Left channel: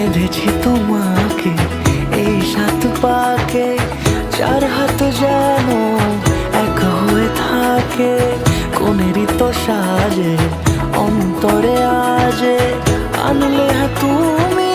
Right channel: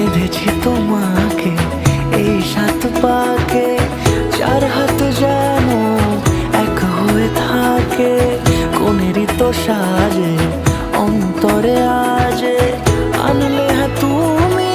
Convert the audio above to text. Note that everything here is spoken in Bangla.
বেঁধেছি তোমাকে এই সাত পাকে, চার হাত যেন এক হয়ে থাকে। কোনেরই তো সাজে অন্তরে আজে আনলে হ্যাঁ তুমি